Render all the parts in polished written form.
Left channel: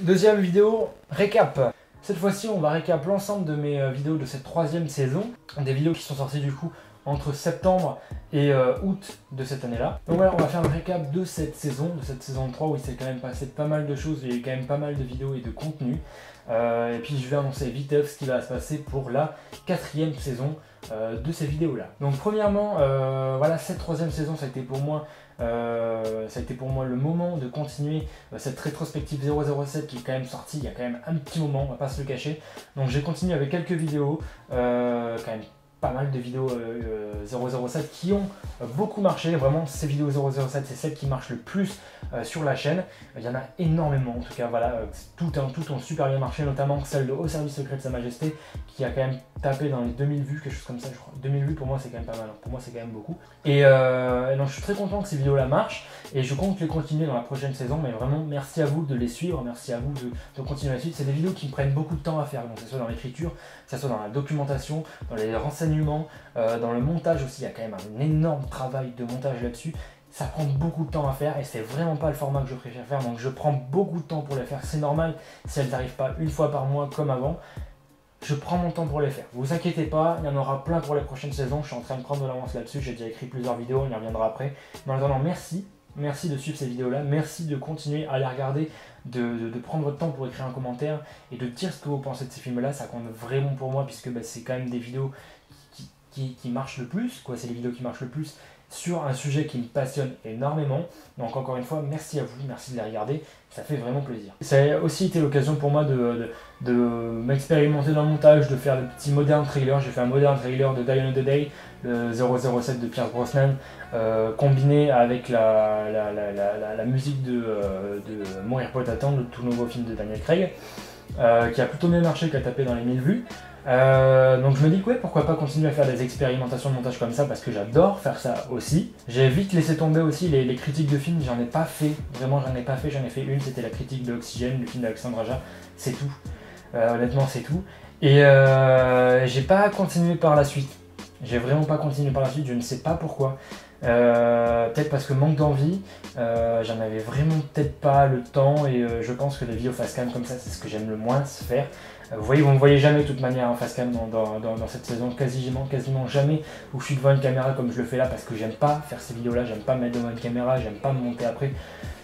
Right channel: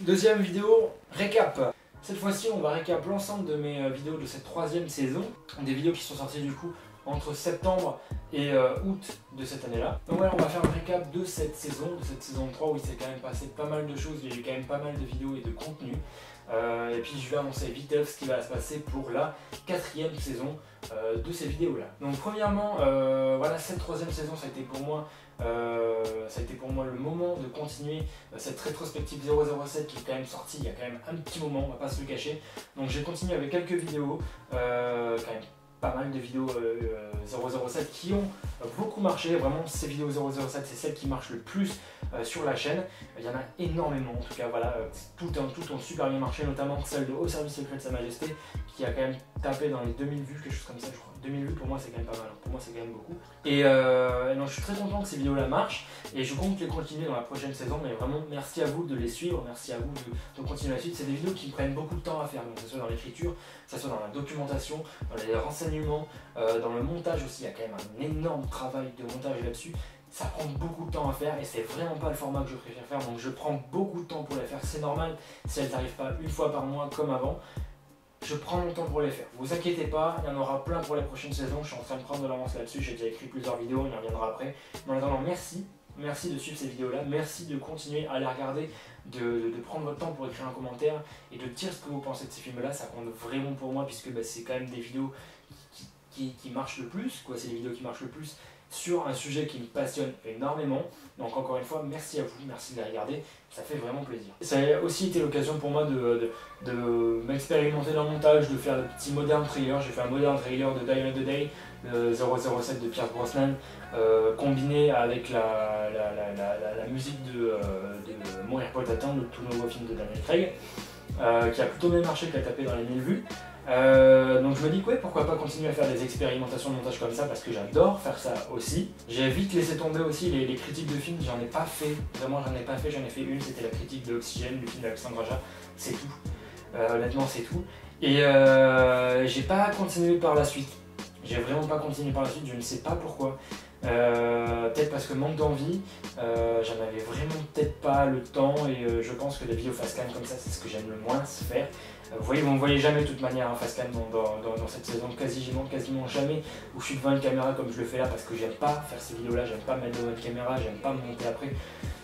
Deuxième vidéo, récap. Cette fois-ci, on va récap l'ensemble de mes vidéos de cette troisième saison. Des vidéos qui sont sorties du coup entre septembre et août de cette année-là. Donc voilà, on va faire un récap de cette saison 3 où il s'est quand même passé pas mal de choses, il y a eu quand même pas mal de vidéos et de contenu. Et puis je vais annoncer vite ce qui va se passer pour la quatrième saison de ces vidéos-là. Donc premièrement, voilà, cette troisième saison, ça a été pour moi le moment de continuer cette rétrospective 007 qui est quand même sortie il y a quand même un petit moment, on va pas se le cacher. Donc j'ai continué avec quelques vidéos, quand même pas mal de vidéos 007 qui ont beaucoup marché. Vraiment, ces vidéos 007, c'est celles qui marchent le plus sur la chaîne. Il y en a énormément, en tout cas, voilà, toutes ont super bien marché, notamment celle de Au service secret de Sa Majesté qui a quand même tapé dans les 2000 vues, quelque chose comme ça, je crois. 2000 vues pour moi, c'est quand même pas mal, pour moi, c'est quand même beaucoup. Et donc, je suis très content que ces vidéos-là marchent et je compte les continuer dans la prochaine saison. Mais vraiment, merci à vous de les suivre, merci à vous de continuer la suite. C'est des vidéos qui me prennent beaucoup de temps à faire, donc que ce soit dans l'écriture, que ce soit dans la documentation, dans les renseignements, dans le montage aussi. Il y a quand même un énorme travail de montage là-dessus. Ça prend beaucoup de temps à faire et c'est vraiment pas le format que je préfère faire, donc je prends beaucoup de temps pour les faire. C'est normal si elles n'arrivent pas une fois par mois comme avant. Je prends mon temps pour les faire. Vous inquiétez pas, il y en aura plein pour la prochaine saison. Je suis en train de prendre de l'avance là-dessus. J'ai déjà écrit plusieurs vidéos, on y reviendra après. Mais en attendant, merci de suivre ces vidéos-là. Merci de continuer à les regarder, de prendre votre temps pour écrire un commentaire et de dire ce que vous pensez de ces films-là. Ça compte vraiment pour moi puisque c'est quand même des vidéos qui marchent le plus. C'est les vidéos qui marchent le plus sur un sujet qui me passionne énormément. Donc encore une fois, merci à vous, merci de les regarder, ça fait vraiment plaisir. Ça a aussi été l'occasion pour moi de m'expérimenter dans le montage, de faire des petits modern trailers. J'ai fait un modern trailer de Die Another Day, le 007 de Pierce Brosnan, combiné avec la musique de Mourir pour t'attendre, le tout nouveau film de Daniel Craig, qui a plutôt bien marché, qui a tapé dans les 1000 vues. Donc je me dis que ouais, pourquoi pas continuer à faire des expérimentations de montage comme ça parce que j'adore faire ça aussi. J'ai vite laissé tomber aussi les critiques de films, j'en ai pas fait, vraiment j'en ai pas fait, j'en ai fait une, c'était la critique de Oxygène, le film d'Alexandre Aja, c'est tout. Honnêtement c'est tout. Et j'ai pas continué par la suite. J'ai vraiment pas continué par la suite, je ne sais pas pourquoi. Peut-être parce que manque d'envie, j'en avais vraiment peut-être pas le temps et je pense que des vidéos face cam comme ça c'est ce que j'aime le moins faire. Vous ne me voyez jamais de toute manière en face cam dans cette saison, quasiment jamais où je suis devant une caméra comme je le fais là parce que j'aime pas faire ces vidéos là, j'aime pas mettre devant une caméra, j'aime pas me monter après.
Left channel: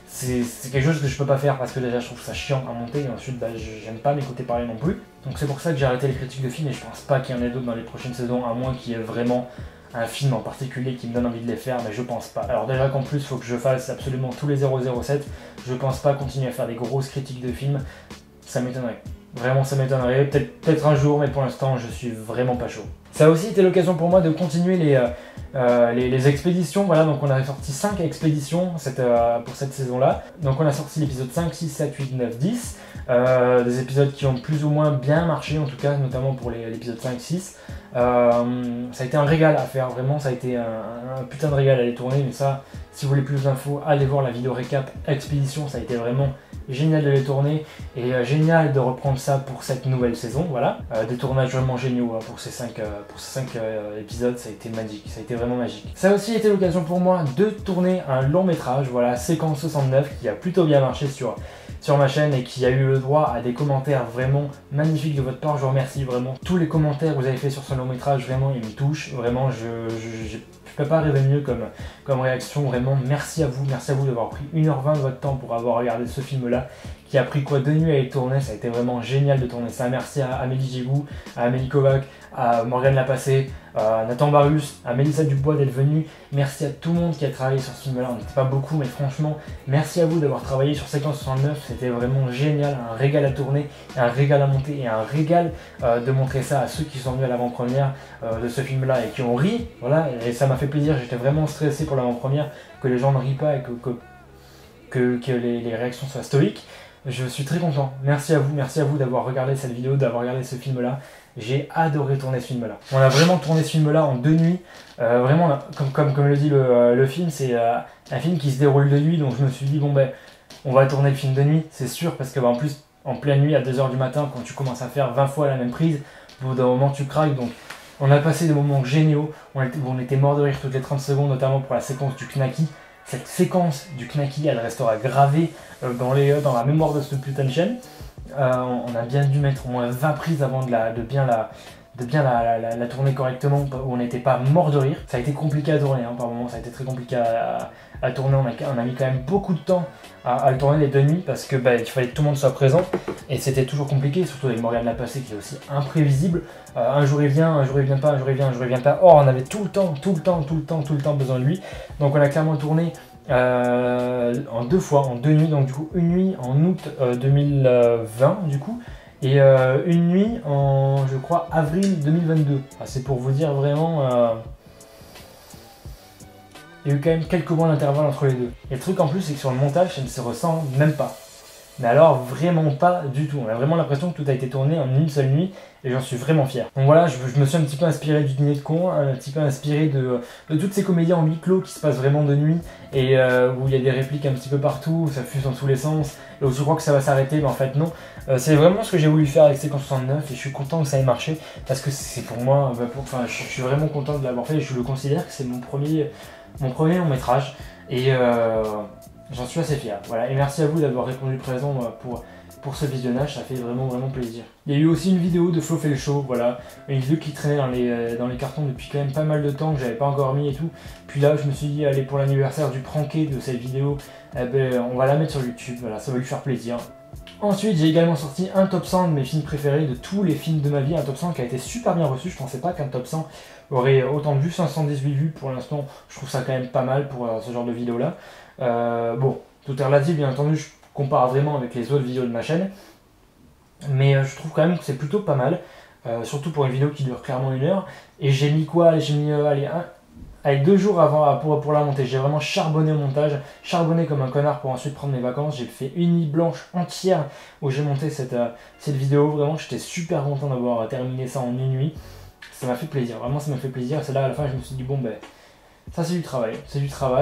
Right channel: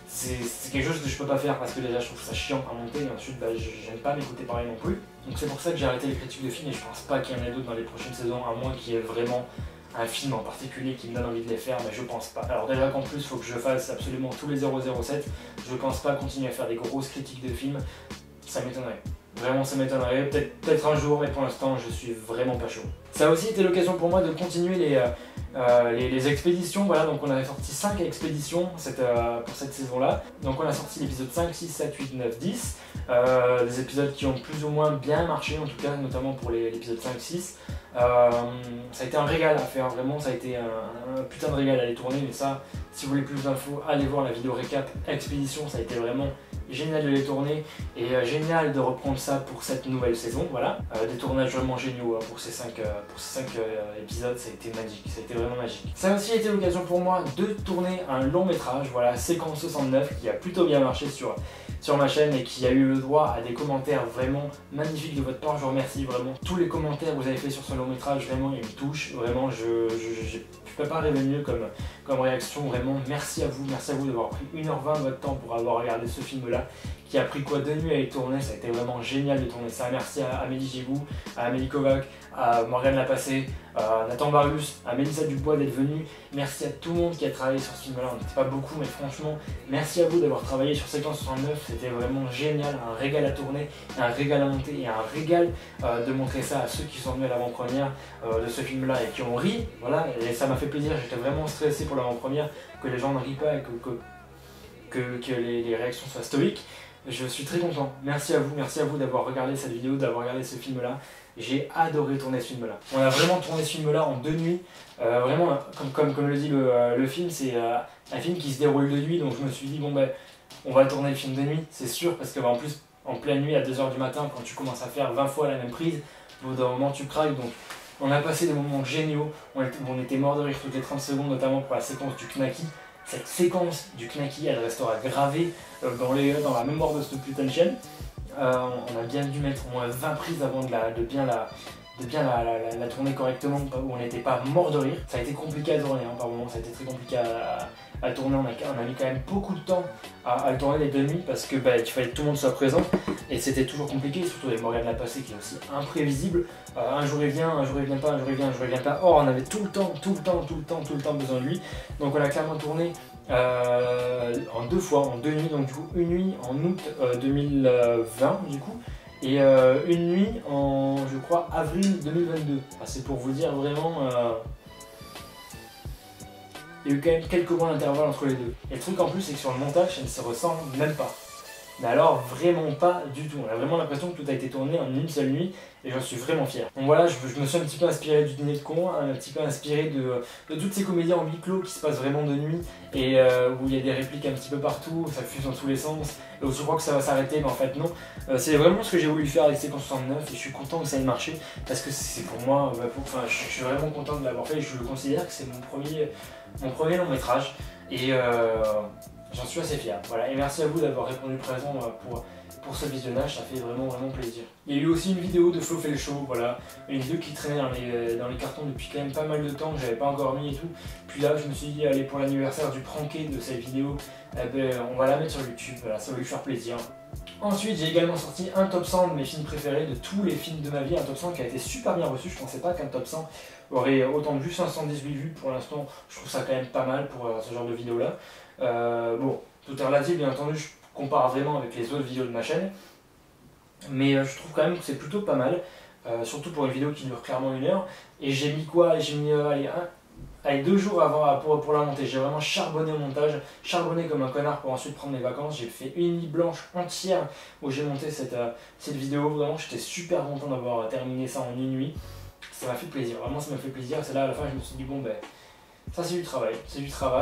C'est quelque chose que je peux pas faire parce que déjà je trouve ça chiant à monter et ensuite j'aime pas m'écouter parler non plus. Donc c'est pour ça que j'ai arrêté les critiques de films et je pense pas qu'il y en ait d'autres dans les prochaines saisons à moins qu'il y ait vraiment un film en particulier qui me donne envie de les faire, mais je pense pas. Alors déjà qu'en plus il faut que je fasse absolument tous les 007, je pense pas continuer à faire des grosses critiques de films, ça m'étonnerait. Vraiment ça m'étonnerait, peut-être un jour, mais pour l'instant je suis vraiment pas chaud. Ça a aussi été l'occasion pour moi de continuer les expéditions, voilà, donc on avait sorti 5 expéditions pour cette saison-là. Donc on a sorti l'épisode 5, 6, 7, 8, 9, 10, des épisodes qui ont plus ou moins bien marché, en tout cas, notamment pour l'épisode 5, 6. Ça a été un régal à faire, vraiment, ça a été un putain de régal à les tourner, mais ça, si vous voulez plus d'infos, allez voir la vidéo récap expédition, ça a été vraiment génial de les tourner et génial de reprendre ça pour cette nouvelle saison, voilà. Des tournages vraiment géniaux pour ces 5 épisodes, ça a été magique, ça a été vraiment magique. Ça a aussi été l'occasion pour moi de tourner un long métrage, voilà, séquence 69, qui a plutôt bien marché sur ma chaîne et qui a eu le droit à des commentaires vraiment magnifiques de votre part. Je vous remercie vraiment. Tous les commentaires que vous avez fait sur ce long métrage, vraiment, ils me touchent. Vraiment, je peux pas rêver mieux comme réaction. Vraiment, merci à vous d'avoir pris 1h20 de votre temps pour avoir regardé ce film-là, qui a pris 2 nuits à y tourner. Ça a été vraiment génial de tourner ça. Merci à Amélie Gigou, à Amélie Kovac, à Morgane Lapassé, à Nathan Barus, à Mélissa Dubois d'être venue. Merci à tout le monde qui a travaillé sur ce film-là. On n'était pas beaucoup, mais franchement, merci à vous d'avoir travaillé sur Séquence 69. C'était vraiment génial, un régal à tourner, un régal à monter et un régal de montrer ça à ceux qui sont venus à l'avant-première de ce film-là et qui ont ri. Voilà, et ça m'a fait plaisir. J'étais vraiment stressé pour l'avant-première, que les gens ne rient pas et que les réactions soient stoïques. Je suis très content. Merci à vous d'avoir regardé cette vidéo, d'avoir regardé ce film-là. J'ai adoré tourner ce film-là. On a vraiment tourné ce film-là en 2 nuits. Vraiment, comme le dit le film, c'est un film qui se déroule de nuit. Donc je me suis dit, bon ben, on va tourner le film de nuit, c'est sûr, parce que en plus, en pleine nuit, à 2h du matin, quand tu commences à faire 20 fois la même prise, au bout d'un moment, tu craques. Donc on a passé des moments géniaux. On était mort de rire toutes les 30 secondes, notamment pour la séquence du Knacky. cette séquence du Knacky, elle restera gravée dans la mémoire de cette putain de chaîne. On a bien dû mettre 20 prises avant de bien la tourner correctement, où on n'était pas mort de rire. Ça a été compliqué à tourner, par moments, ça a été très compliqué à tourner. On a mis quand même beaucoup de temps à le tourner les 2 nuits, parce que il fallait que tout le monde soit présent, et c'était toujours compliqué, surtout avec Morgane Lapassé qui est aussi imprévisible. Un jour il vient, un jour il vient pas, un jour il vient, un jour il vient pas. Or on avait tout le temps besoin de lui. Donc on a clairement tourné en 2 fois, en 2 nuits, donc du coup une nuit en août 2020 du coup, et une nuit en, je crois, avril 2022. C'est pour vous dire vraiment, il y a eu quand même quelques mois d'intervalle entre les deux. Et le truc en plus, c'est que sur le montage, ça ne se ressent même pas. Mais alors vraiment pas du tout. On a vraiment l'impression que tout a été tourné en une seule nuit, et j'en suis vraiment fier. Donc voilà, je me suis un petit peu inspiré du Dîner de con, un petit peu inspiré de toutes ces comédies en huis clos qui se passent vraiment de nuit, et où il y a des répliques un petit peu partout, ça fuse dans tous les sens, et où je crois que ça va s'arrêter, mais en fait non. C'est vraiment ce que j'ai voulu faire avec Séquence 69, et je suis content que ça ait marché, parce que c'est pour moi, je suis vraiment content de l'avoir fait, et je le considère que c'est mon premier long métrage, et j'en suis assez fier. Voilà, et merci à vous d'avoir répondu présent pour ce visionnage, ça fait vraiment plaisir. Il y a eu aussi une vidéo de Flo fait le show, voilà, une vidéo qui traînait dans les cartons depuis quand même pas mal de temps, que j'avais pas encore mis et tout. Puis là, je me suis dit, allez, pour l'anniversaire du pranké de cette vidéo, on va la mettre sur YouTube, voilà, ça va lui faire plaisir. Ensuite, j'ai également sorti un top 100 de mes films préférés, de tous les films de ma vie, un top 100 qui a été super bien reçu. Je pensais pas qu'un top 100 aurait autant de vues, 518 vues pour l'instant, je trouve ça quand même pas mal pour ce genre de vidéo là. Bon, tout est relatif, bien entendu, je compare vraiment avec les autres vidéos de ma chaîne, mais je trouve quand même que c'est plutôt pas mal, surtout pour une vidéo qui dure clairement 1 heure. Et j'ai mis quoi? J'ai mis allez, 2 jours avant pour la monter. J'ai vraiment charbonné au montage, charbonné comme un connard pour ensuite prendre mes vacances. J'ai fait une nuit blanche entière où j'ai monté cette vidéo. Vraiment, j'étais super content d'avoir terminé ça en une nuit. Ça m'a fait plaisir, vraiment ça m'a fait plaisir. C'est là à la fin je me suis dit bon ça c'est du travail,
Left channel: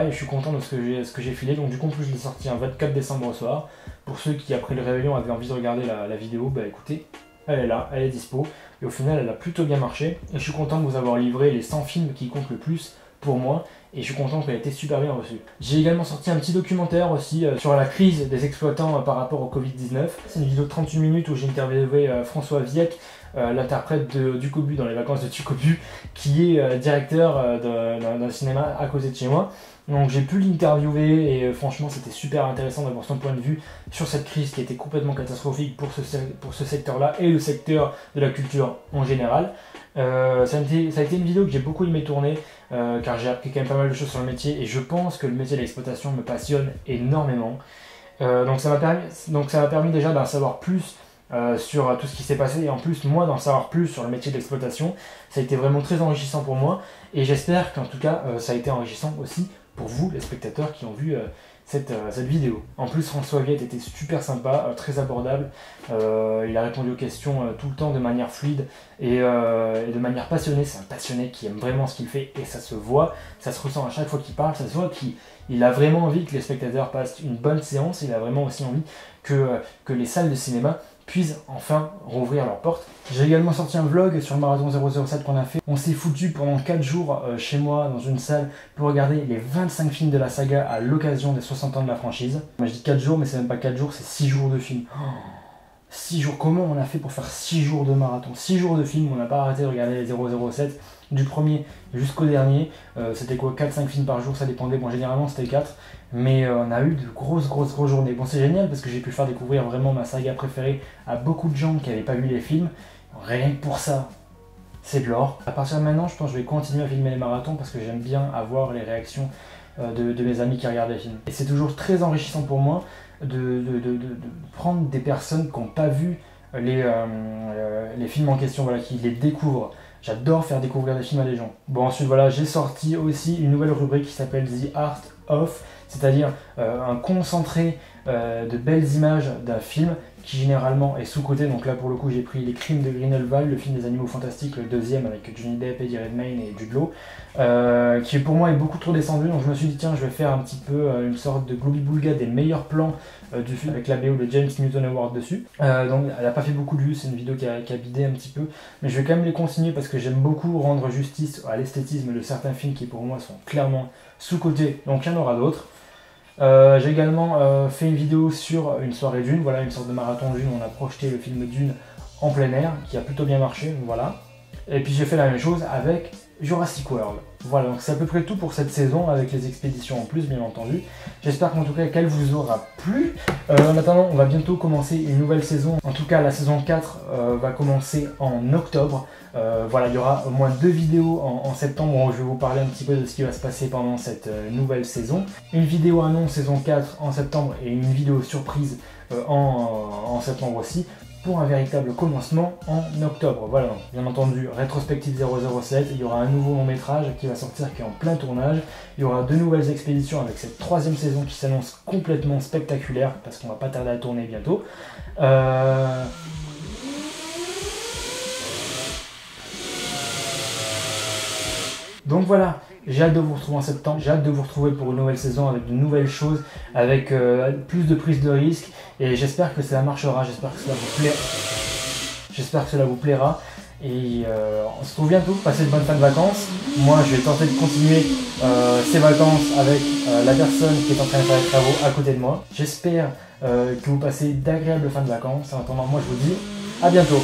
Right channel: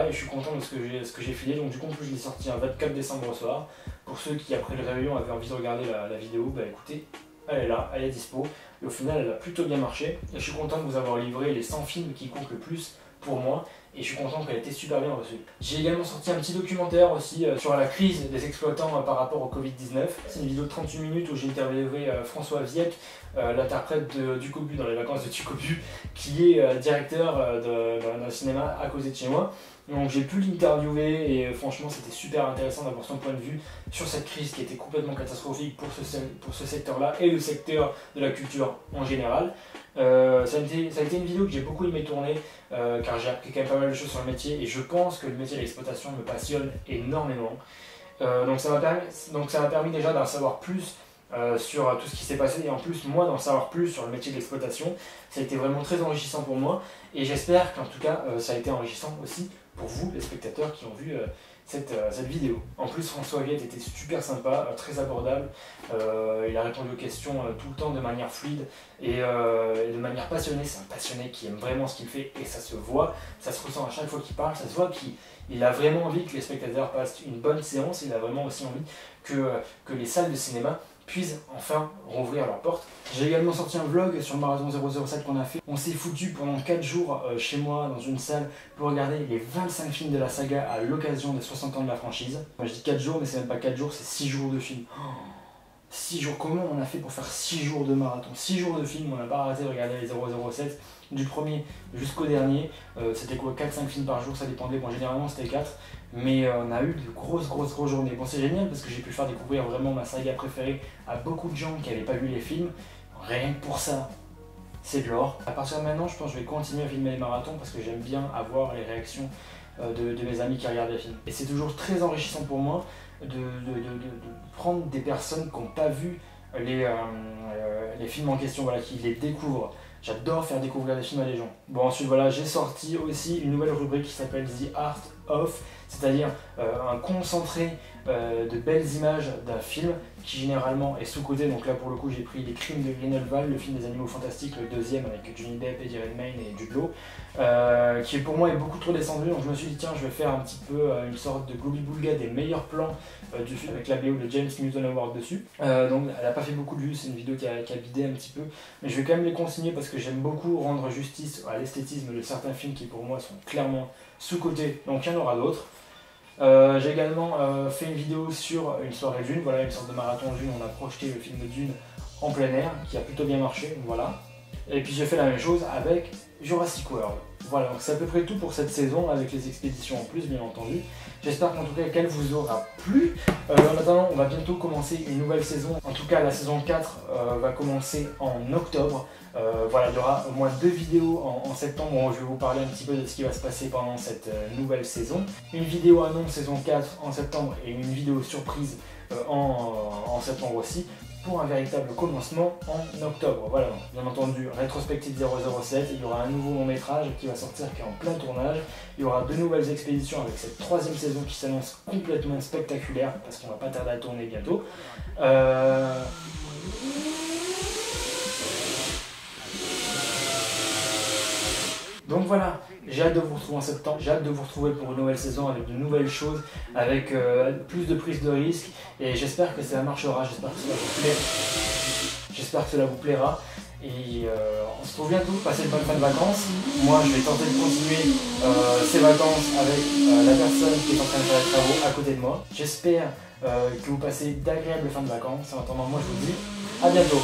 et je suis content de ce que j'ai filé. Donc du coup je l'ai sorti un 24 décembre au soir. Pour ceux qui après le réveillon avaient envie de regarder la vidéo, écoutez, elle est là, elle est dispo. Et au final elle a plutôt bien marché. Et je suis content de vous avoir livré les 100 films qui comptent le plus pour moi. Et je suis content qu'elle ait été super bien reçue. J'ai également sorti un petit documentaire aussi sur la crise des exploitants par rapport au Covid-19. C'est une vidéo de 38 minutes où j'ai interviewé François Viec, l'interprète de Ducobu dans les vacances de Ducobu, qui est directeur d'un cinéma à côté de chez moi. Donc j'ai pu l'interviewer et franchement c'était super intéressant d'avoir son point de vue sur cette crise qui était complètement catastrophique pour ce secteur-là et le secteur de la culture en général. Ça a été une vidéo que j'ai beaucoup aimé tourner car j'ai appris quand même pas mal de choses sur le métier et je pense que le métier de l'exploitation me passionne énormément. Donc ça m'a permis déjà d'en savoir plus sur tout ce qui s'est passé, et en plus moi d'en savoir plus sur le métier d'exploitation. Ça a été vraiment très enrichissant pour moi, et j'espère qu'en tout cas ça a été enrichissant aussi pour vous les spectateurs qui ont vu cette vidéo. En plus François Viette était super sympa, très abordable, il a répondu aux questions tout le temps de manière fluide et de manière passionnée. C'est un passionné qui aime vraiment ce qu'il fait, et ça se voit, ça se ressent à chaque fois qu'il parle, ça se voit qu'il a vraiment envie que les spectateurs passent une bonne séance. Il a vraiment aussi envie que les salles de cinéma puissent enfin rouvrir leurs portes. J'ai également sorti un vlog sur le marathon 007 qu'on a fait. On s'est foutu pendant 4 jours chez moi dans une salle pour regarder les 25 films de la saga à l'occasion des 60 ans de la franchise. Moi je dis 4 jours, mais c'est même pas 4 jours, c'est 6 jours de film. 6 jours, comment on a fait pour faire 6 jours de marathon? 6 jours de film, on n'a pas arrêté de regarder les 007 du premier jusqu'au dernier. C'était quoi, 4-5 films par jour, ça dépendait. Bon, généralement c'était 4. Mais on a eu de grosses journées. Bon, c'est génial parce que j'ai pu faire découvrir vraiment ma saga préférée à beaucoup de gens qui n'avaient pas vu les films. Rien que pour ça, c'est de l'or. À partir de maintenant, je pense que je vais continuer à filmer les marathons parce que j'aime bien avoir les réactions de mes amis qui regardent les films. Et c'est toujours très enrichissant pour moi de prendre des personnes qui n'ont pas vu les films en question, voilà, qui les découvrent. J'adore faire découvrir des films à des gens. Bon, ensuite, voilà, j'ai sorti aussi une nouvelle rubrique qui s'appelle The Art of, c'est-à-dire un concentré de belles images d'un film qui généralement est sous-coté. Donc là, pour le coup, j'ai pris Les Crimes de Grindelwald, le film des animaux fantastiques, le deuxième avec Johnny Depp, Eddie Redmayne et Jude Law, qui pour moi est beaucoup trop descendu. Donc je me suis dit, tiens, je vais faire un petit peu une sorte de Glooby-Boulga des meilleurs plans du film avec la BO de James Newton Award dessus. Donc elle n'a pas fait beaucoup de vues, c'est une vidéo qui a bidé un petit peu, mais je vais quand même les consigner parce que j'aime beaucoup rendre justice à l'esthétisme de certains films qui pour moi sont clairement sous-côté, donc il y en aura d'autres. J'ai également fait une vidéo sur une soirée Dune, voilà une sorte de marathon Dune, on a projeté le film Dune en plein air, qui a plutôt bien marché, donc voilà. Et puis j'ai fait la même chose avec Jurassic World. Voilà, donc c'est à peu près tout pour cette saison, avec les expéditions en plus, bien entendu. J'espère qu'en tout cas qu'elle vous aura plu. En attendant, on va bientôt commencer une nouvelle saison. En tout cas, la saison 4 va commencer en octobre. Voilà, il y aura au moins 2 vidéos en septembre où je vais vous parler un petit peu de ce qui va se passer pendant cette nouvelle saison. Une vidéo annonce saison 4 en septembre et une vidéo surprise en septembre aussi, pour un véritable commencement en octobre. Voilà, bien entendu, Rétrospective 007, il y aura un nouveau long métrage qui va sortir, qui est en plein tournage. Il y aura 2 nouvelles expéditions avec cette 3e saison qui s'annonce complètement spectaculaire, parce qu'on va pas tarder à tourner bientôt. Donc voilà, j'ai hâte de vous retrouver en septembre, j'ai hâte de vous retrouver pour une nouvelle saison avec de nouvelles choses, avec plus de prise de risque, et j'espère que cela marchera, j'espère que cela vous plaira, et on se retrouve bientôt, passez de bonnes fins de vacances. Moi je vais tenter de continuer ces vacances avec la personne qui est en train de faire les travaux à côté de moi. J'espère que vous passez d'agréables fins de vacances. En attendant, moi je vous dis à bientôt.